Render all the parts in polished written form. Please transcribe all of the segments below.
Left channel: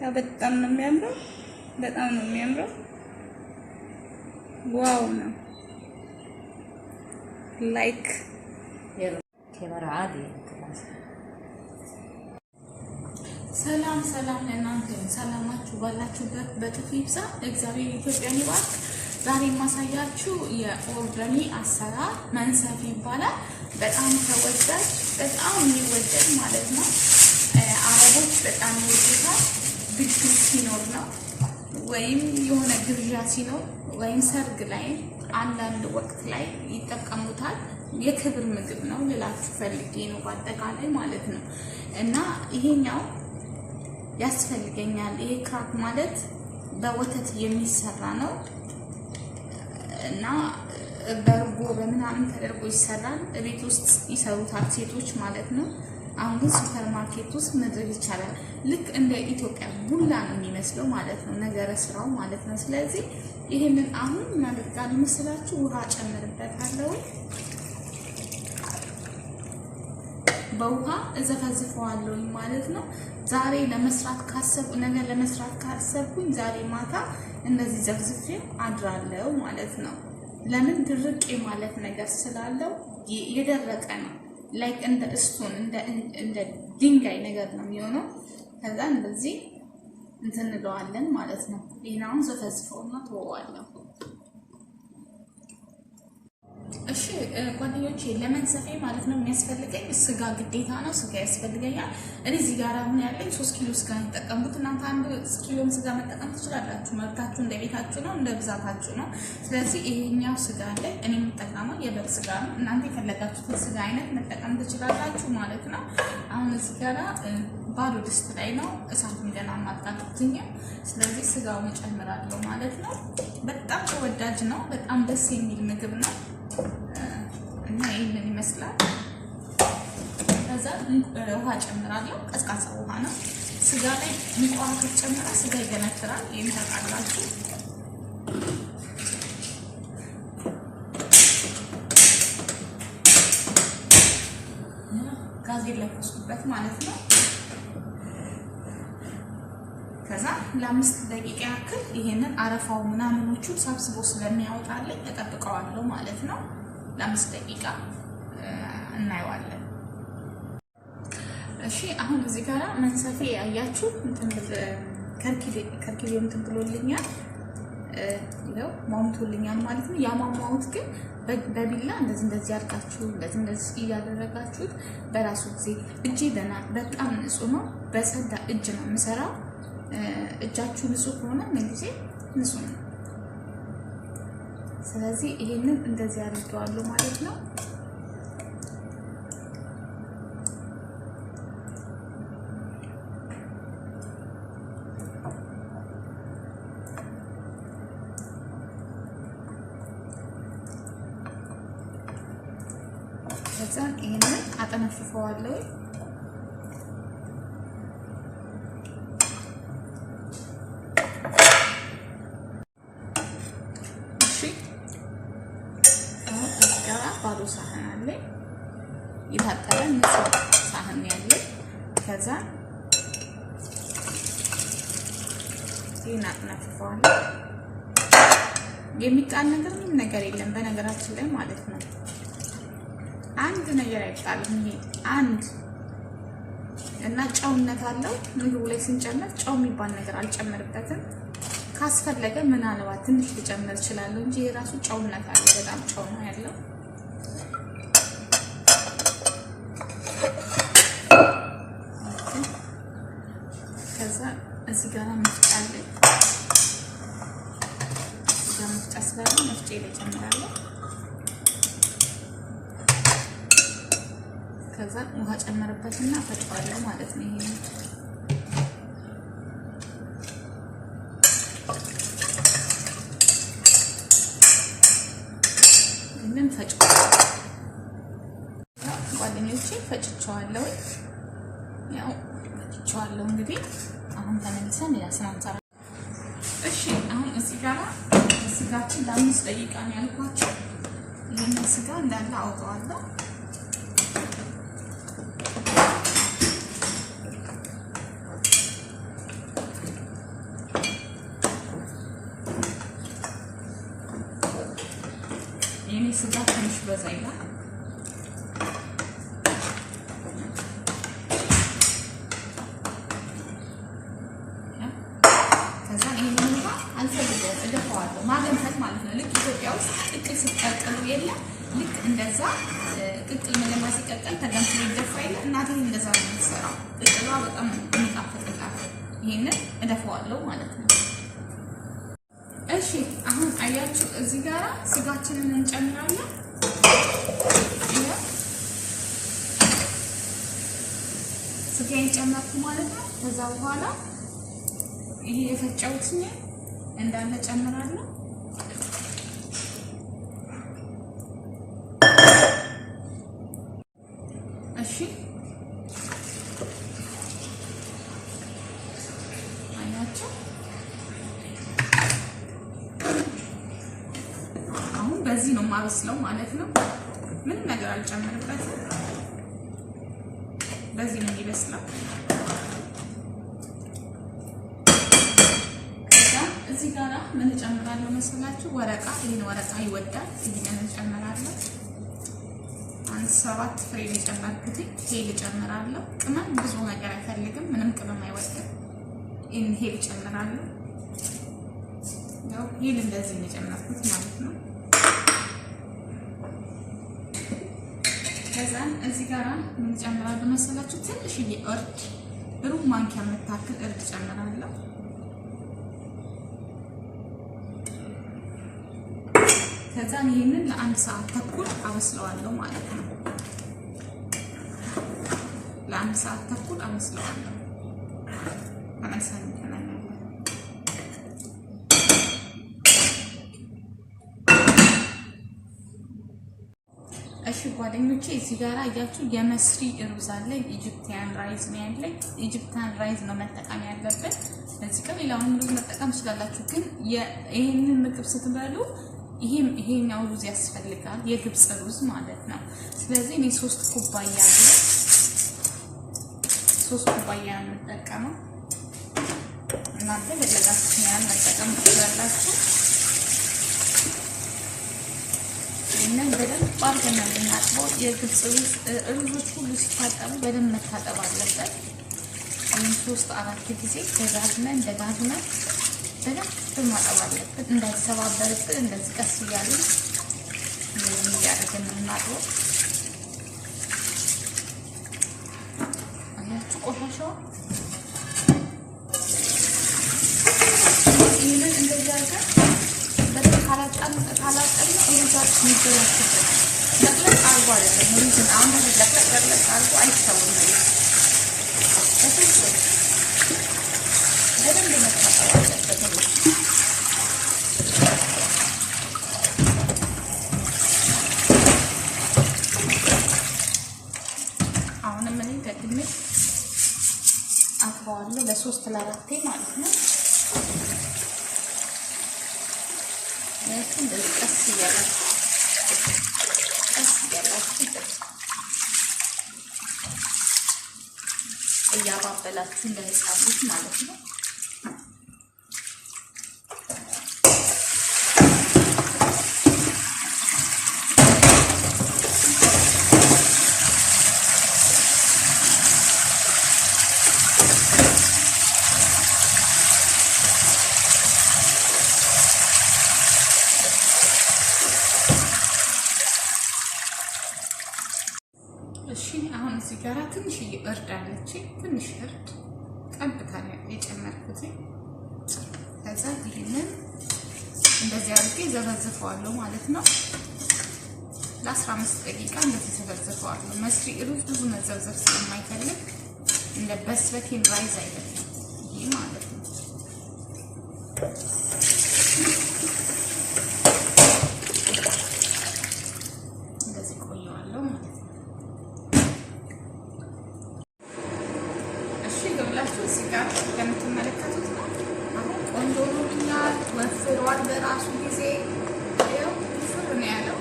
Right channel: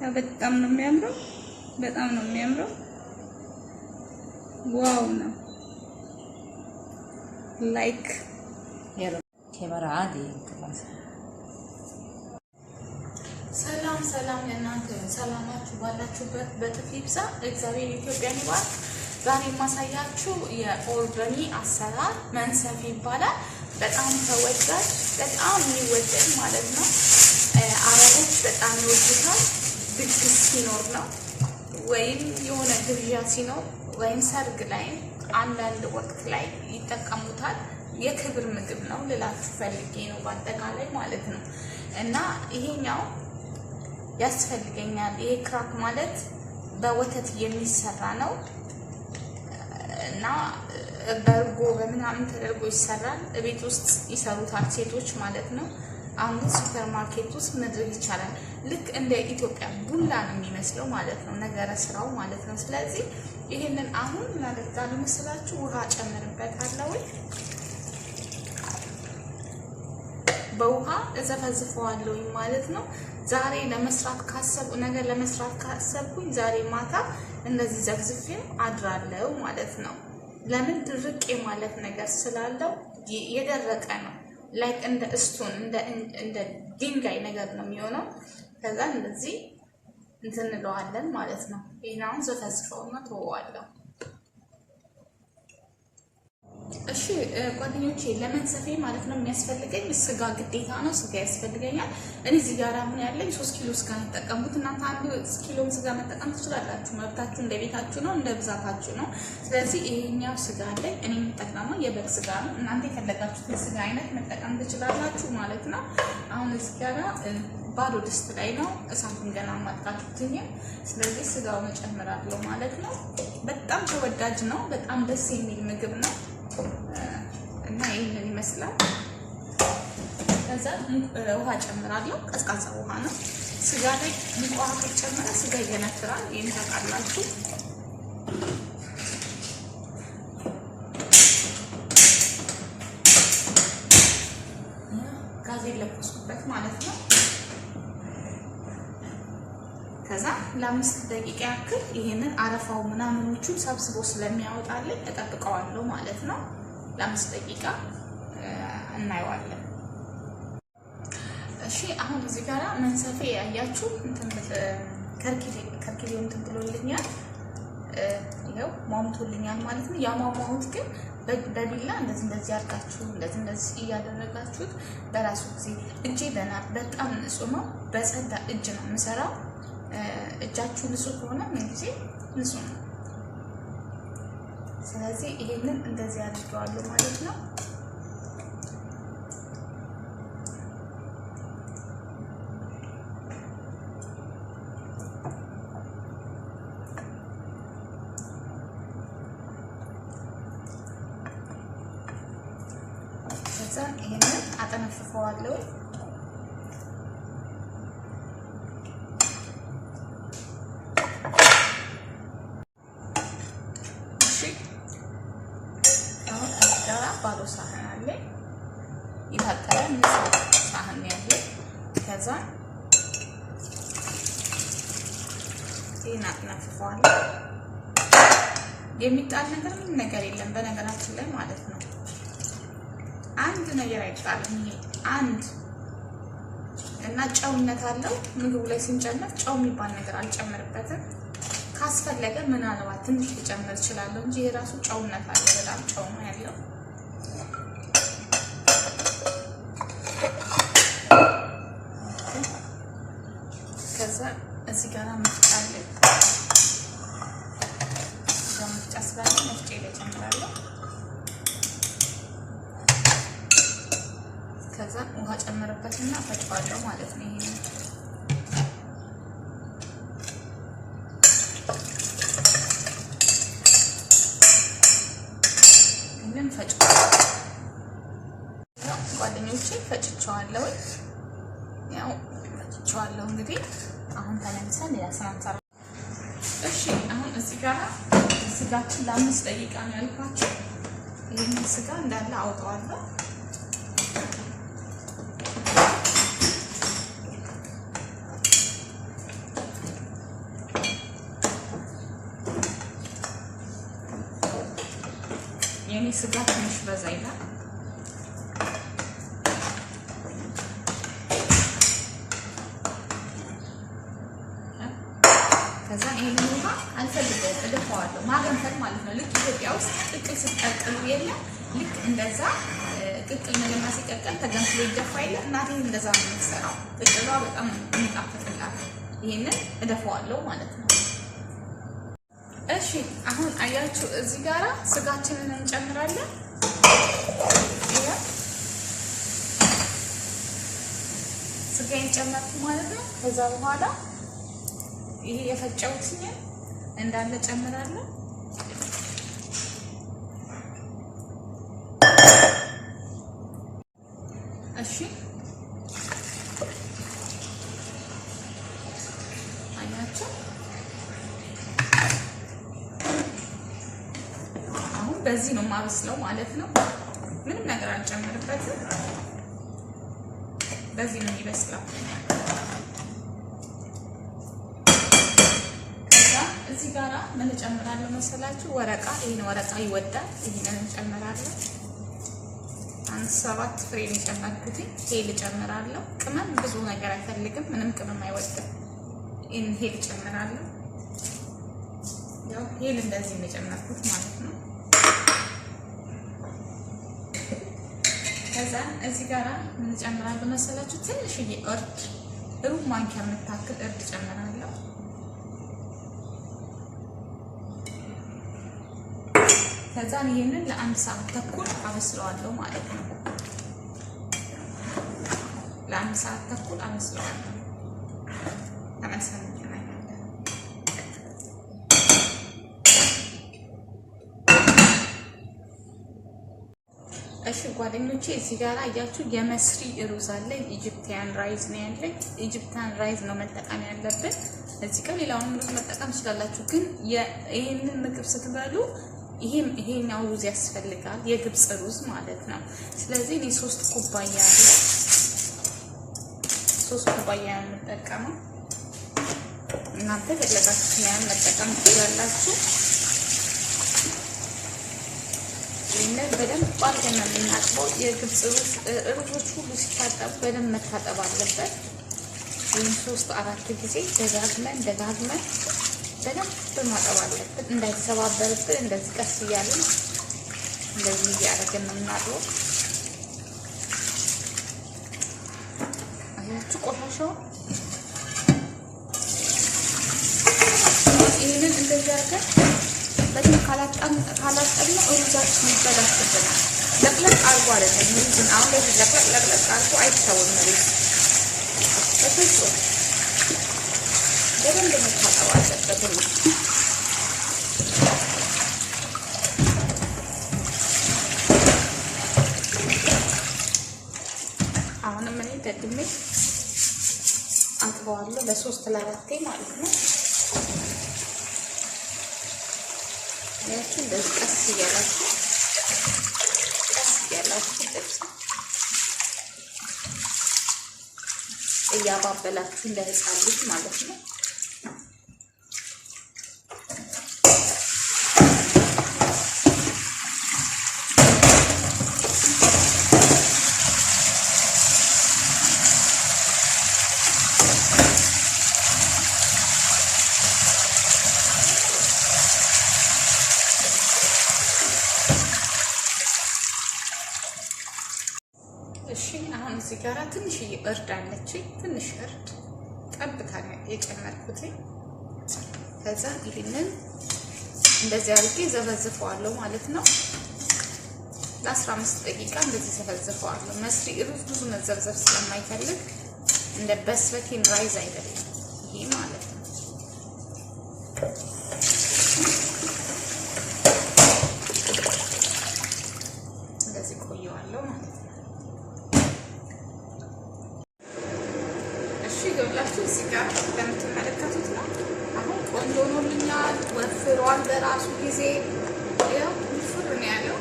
ያው በጣም ነው የሚያምረው፣ በጣም ነው የሚያምረው። ዋው ነው ላይክ ሰላም ሰላም ለእናንተ ሰላማችሁ ባላችሁበት በጥፍ ይብዛ። እግዚአብሔር ኢትዮጵያን ይባርክ። ዛሬ የማሳያችሁ የኦርገኒ አሰራር መንሰፍ ይባላል። በጣም ተወዳጅ፣ በጣም የሚወደድ ማለት ነው። አረቦች በጣም ይወዱታል። ድግስ ሲኖር ነው ወይም የሆነ ግብዣ ሲኖር ወይም ሰርግ ላይ አንዳንድ ወቅት ላይ ይጠቀሙታል። የክብር ምግብ ነው ልላችሁ ፈልጌ ነው በአጠቃላይ ማለት ነው። እና ይሄኛው ያስፈልገኛል። ይሄ ክራክ ማለት በወተት የሚሰራ ነው እና በርጎ በምናምን ተደርጎ ይሰራል። ቤት ውስጥ ይሰሩታል ሴቶች ማለት ነው። አሁን ግን ሱፐር ማርኬት ውስጥ መድረግ ይቻላል። ልክ እንደ ኢትዮጵያ ቡላ ነው የሚመስለው ማለት ነው፣ ነገረ ስራው ማለት ነው። ስለዚህ ይሄንን አሁን እናደርጋለን መስላችሁ ውሃ ጨምርበታለሁ። በውሃ እዘፈዝፈዋለሁ ማለት ነው። ዛሬ ለመስራት ካሰብኩ ነገር ለመስራት ካሰብኩኝ ዛሬ ማታ እንደዚህ ዘፍዝፌ አድራለሁ ማለት ነው። ለምን ድርቅ ማለት ነገር ስላለው የደረቀ ነው። ላይክ እንደ ስቶን እንደ ድንጋይ ነገር ነው የሚሆነው። ከዛ እንደዚህ እንትን እንለዋለን ማለት ነው። ይሄን አሁን ዘፈዝፈውና ተወዋለሁ። እሺ ጓደኞቼ ለመንሰፌ ማለት ነው የሚያስፈልገኝ ስጋ ግዴታ ነው። ስጋ ያስፈልገኛል። እኔ እዚህ ጋር ምን ያለኝ 3 ኪሎ ስጋ ተጠቀምኩት። እናንተ 1 ኪሎ ስጋ መጠቀም ትችላላችሁ። መብታችሁ እንደ ቤታችሁ ነው፣ እንደ ብዛታችሁ ነው። ስለዚህ ይሄኛው ስጋ አለኝ። እኔ የምጠቀመው የበግ ስጋ ነው። እናንተ የፈለጋችሁትን ስጋ አይነት መጠቀም ትችላላችሁ ማለት ነው። አሁን እዚህ ጋር ባዶ ድስት ላይ ነው እሳቱን ገና ማጥቃትኝ። ስለዚህ ስጋውን እጨምራለሁ ማለት ነው። በጣም ተወዳጅ ነው። በጣም ደስ የሚል ምግብ ነው እና ይሄንን ይመስላል። ከዛ ውሃ ጨምራለሁ። ቀዝቃዛ ውሃ ነው። ስጋ ላይ ሙቅ ውሃ ተጨምራ ስጋ ይገነፍራል። የሚታጣላችሁ ጋዝ ለኩስበት ማለት ነው። ከዛ ለ5 ደቂቃ ያክል ይሄንን አረፋው ምናምኖቹ ሰብስቦ ስለሚያወጣልኝ እጠብቀዋለሁ ማለት ነው። ለ5 ደቂቃ እናየዋለን። እሺ አሁን እዚህ ጋር መንሰፌ ያያችሁ ከርኪሌ እንትን ብሎልኛል። ይኸው ሟምቶልኛል ማለት ነው። ያሟሟሁት ግን በቢላ እንደዚህ አድርጋችሁ እንደዚህ እያደረጋችሁት በራሱ ጊዜ እጄ በጣም ንጹህ ነው። በጸዳ እጅ ነው የምሰራው። እጃችሁ ንጹህ ከሆነ ምን ጊዜ ንጹህ ነው። ስለዚህ ይሄንን እንደዚህ አድርገዋለሁ ማለት ነው። ከዛ ይሄንን አጠነፍፈዋለሁ። ባዶ ሳህን አለ፣ የታጠበ ንጹህ ሳህን ያለ። ከዛ ይሄን አጥናፍቀዋለሁ። የሚጣል ነገር የለም በነገራችን ላይ ማለት ነው። አንድ ነገር አይጣልም። ይሄ አንድ እና ጨውነት አለው። ምግቡ ላይ ስንጨምር ጨው የሚባል ነገር አልጨምርበትም። ካስፈለገ ምናልባት ትንሽ ልጨምር እችላለሁ እንጂ የራሱ ጨውነት አለ። በጣም ጨው ነው ያለው። ከዛ እዚህ ጋር መፍጫለ መፍጫ ስላለ መፍጫ ላይ ጨምራለሁ። ከዛ ውሃ ጨምርበትና ፈጫዋለሁ ማለት ነው። ይሄንን ፈጫዋለሁ ጓደኞቼ፣ ፈጭቸዋለሁ። ያው ፈጭቸዋለሁ። እንግዲህ አሁን ተመልሰን ያስራንሳራ። እሺ አሁን እዚህ ጋር ስጋችን ለ5 ደቂቃ ነው ያልኳችሁ። ይሄን ስጋ እንዳለ አውጣዋለሁ። ስጋ ትንሽ በዛ ይላል። ከዛ ይሄን ውሃ አልፈልገውም፣ እደፋዋለሁ። ማገንፈት ማለት ነው። ልክ ኢትዮጵያ ውስጥ ቅቅል ሲቀቀል የለ ልክ እንደዛ ቅቅል መለማ ሲቀቀል ተገንፍሎ ይደፋ ይለ እናቴ እንደዛ ነው የምትሰራው። ቅቅሏ በጣም የሚጣፍጥላት። ይሄንን እደፋዋለሁ ማለት ነው። እሺ አሁን አያችሁ እዚህ ጋራ ስጋችንን እንጨምራለን። ስጋዬን ጨመርኩ ማለት ነው። ከዛ በኋላ ይሄ የፈጨሁት እንዳለ ጨምራለሁ። እሺ አያችሁ አሁን በዚህ ነው የማበስለው ማለት ነው። ምንም ነገር አልጨምርበትም። በዚህ ነው የሚበስለው። እዚህ ጋራ ምን ጨምራለሁ መሰላችሁ? ወረቃ። ይሄን ወረቃ ይወዳል። ይሄን እንጨምራለን። 7 ፍሬ የጨመርኩት ሄል ጨምራለሁ። ቅመም ብዙ ነገር አይፈልግም። ምንም ቅመም አይወድም። ይሄን ሄል ጨምራለሁ። ያው ሄል እንደዚህ ነው የጨመርኩት ማለት ነው። ከዛን እዚህ ጋራ ምን ጨምራለሁ መሰላችሁ? ትንሽዬ እርድ፣ ሩብ ማንኪያ የምታክል እርድ ጨምራለሁ። ከዛን ይሄንን ለ1 ሰዓት ተኩል አበስለዋለሁ ማለት ነው። ለ1 ሰዓት ተኩል አበስለዋለሁ። ተመልሰን እንገናኛለን። እሺ ጓደኞቼ እዚህ ጋር አያችሁ የመስሪ ሩዝ አለኝ። ኢጂፕቲያን ራይዝ ነው ያለኝ። ኢጂፕቲያን ራይዝ ነው መጠቀም ያለብን። እዚህ ጋር ሌላውን ሩዝ መጠቀም ትችላላችሁ፣ ግን ይሄንን ምግብ ስትበሉ ይሄኛው ሩዝ ያስፈልጋል። የግብፅ ሩዝ ማለት ነው። ስለዚህ እኔ 3 ኩባያ ነው የምጠቀመው። እናንተ የፈለጋችሁትን ያህል መጠቀም ትችላላችሁ። ይሄንን በደንብ አድርገን የምናጥበው። የግብፅ ሩዞች ሁሉ ሲታጠቡ በደንብ መታጠብ አለበት። ይህን 3-4 ጊዜ ደጋግመን በደንብ ማጠብ አለበት። እንዳይሰባበርብን እንደዚህ ቀስ እያልን እንደዚህ እያደረግን የምናጥበው። አያችሁ ቆሻሻው። ይህንን እንደዚህ አድርገን በደንብ ካላጠብን ሩዛችን ይበላሽብን። ለቅለቅ አድርጎ አይደለም ሩዝን አንድ ለቅለቅ አድርጎ አይተውም። በደንብ መታጠብ አለበት። አሁንም እኔ ደግሜ አጥበዋለሁ ለ3-4 ማለት ነው። እንደዚህ ቀስ እያላችሁ እያባበላችሁ እንዳይጻልሽ ማለት ነው። እሺ አሁን እዚህ ጋር ትንሽዬ እርድ አለችኝ። ትንሽ እርድ ጠብታ የጨመርኩት። ከዛ ይሄንን እንደዚህ አድርጌ ዘበዝፈዋለሁ ማለት ነው። ለ15 ደቂቃ እንደዚህ ዘበዝፈዋለሁ። መስሪ ሩዝ ብዙ መዘብዘብ ስለማይፈልግ እንደ በስበቴን ራይዝ አይደለም ይሄ ማለት ነው። እንደዚህ ቆየዋለሁ ማለት ነው። እሺ ይኸውላችሁ እዚህ ጋር እንደምትመለከቱት ነው። አሁን ቆንጆ ሆኖልኛል። ወፍሯል በራሱ ጊዜ ያው ነው ያለው።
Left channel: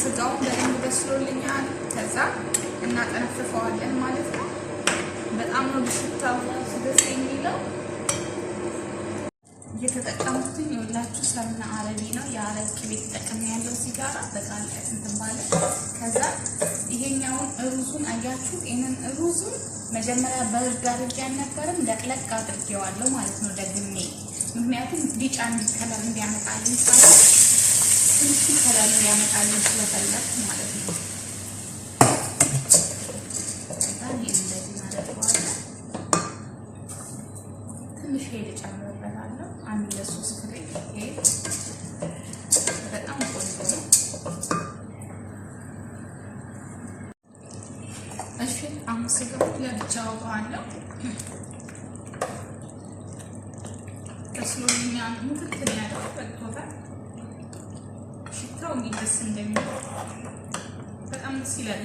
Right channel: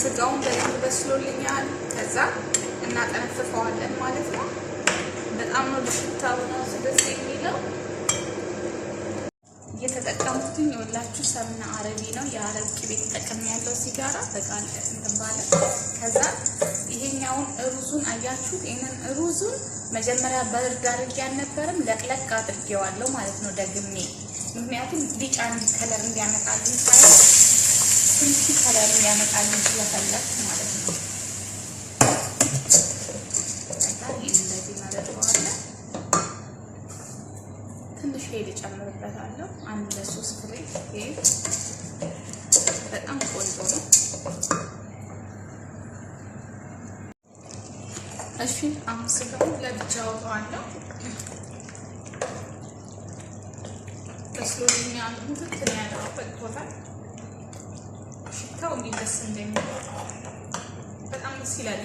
ስጋውን በደንብ በስሎልኛል። ከዛ እናጠነፍፈዋለን ማለት ነው። በጣም ነው ሽታው ደስ የሚለው። እየተጠቀሙት የገዛሁትኝ ሁላችሁ ሰምና አረቢ ነው። የአረብ ቅቤ ተጠቅሜ ያለው ሲጋራ በጣም እንትን ባለ ከዛ ይሄኛውን ሩዙን አያችሁ። ይሄንን ሩዙን መጀመሪያ በርድ አድርጌ አልነበረም ለቅለቅ አድርጌዋለሁ ማለት ነው ደግሜ። ምክንያቱም ቢጫ ከለር እንዲያመጣልኝ ሳይሆን ትንሽ ከለር እንዲያመጣልኝ ስለፈለኩ ማለት ነው። ትንሽ ሄድ ጨምርበታለሁ። አንድ 3 ፍሬ ሄድ በጣም ቆንጆ ነው። እሺ አሁን ስጋው ለብቻው አለው ተስሎኛል። ሙትት ያለው በቅቶታል። ሽታው እንዲደስ እንደሚል በጣም ደስ ይላል።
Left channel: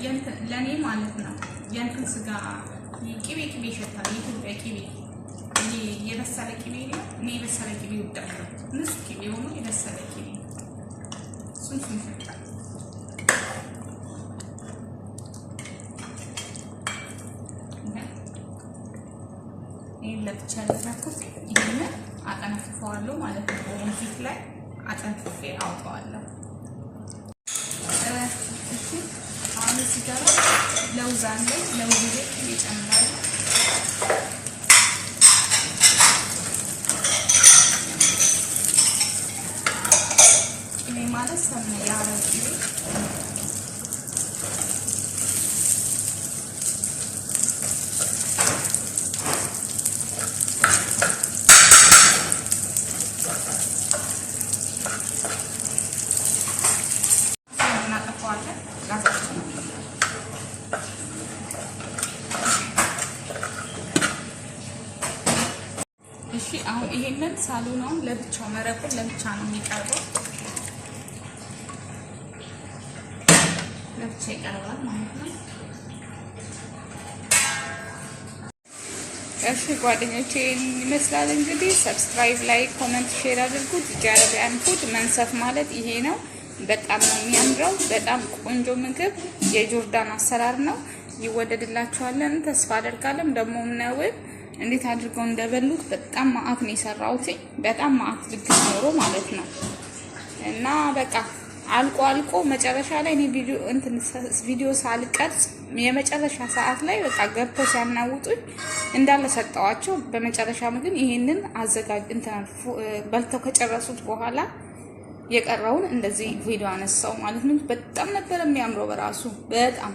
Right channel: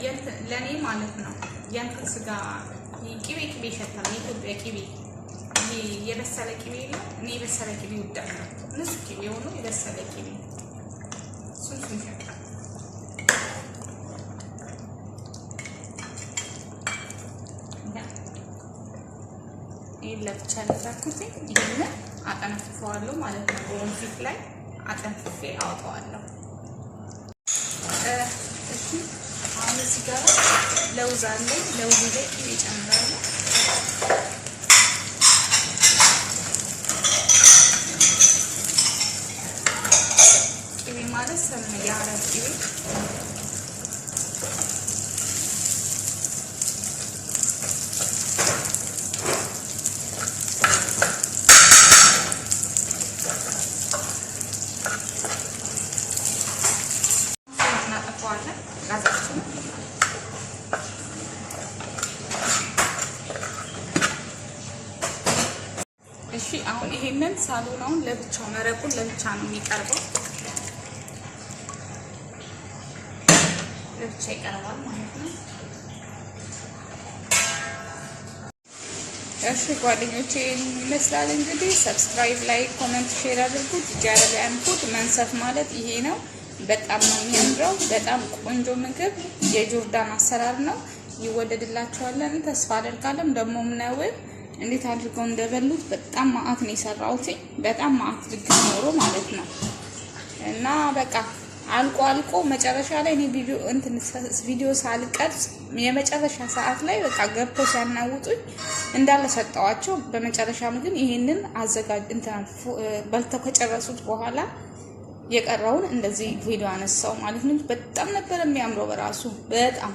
ለኔ ማለት ነው የእንትን ስጋ ቅቤ ይሸታል። የኢትዮጵያ ቅቤ የበሰለ ቅቤ ነው። እኔ የበሰለ ቅቤ እወዳለሁ። ንጹህ ቅቤ ሆኖ የበሰለ ቅቤ እሱን ይሸታል። ይሄን ለብቻ ልታኩት ይሄንን አጠንፍፈዋለሁ ማለት ነው። ወንፊት ላይ አጠንፍፌ አውጣዋለሁ። እሺ አሁን እዚህ ጋር ለውዝ አለ። ለውዝ ላይ ቅቤ ጨምራለሁ። ቅቤ ማለት ሰም የአረብ ቅቤ እሺ አሁን ይሄንን ሳሎናውን ለብቻው መረቁን ለብቻ ነው የሚቀርበው። ለብቻ ይቀርባል ማለት ነው። እሺ ጓደኞቼ ይመስላል እንግዲህ። ሰብስክራይብ፣ ላይክ፣ ኮሜንት፣ ሼር አድርጉት። ጃረቢያን ፉድ መንሰፍ ማለት ይሄ ነው። በጣም ነው የሚያምረው። በጣም ቆንጆ ምግብ የጆርዳን አሰራር ነው። ይወደድላችኋለን ተስፋ አደርጋለሁ። ደግሞ ምናው እንዴት አድርገው እንደበሉት በጣም ማአት ነው የሰራሁት። በጣም ማአት ልግስ ኖሮ ማለት ነው። እና በቃ አልቆ መጨረሻ ላይ እኔ ቪዲዮ ሳልቀርጽ የመጨረሻ ሰዓት ላይ በቃ ገብተው ሲያናውጡኝ እንዳለ ሰጠዋቸው። በመጨረሻም ግን ይሄንን አዘጋጅ በልተው ከጨረሱት በኋላ የቀረውን እንደዚህ ቪዲዮ አነሳው ማለት ነው። በጣም ነበር የሚያምረው በራሱ በጣም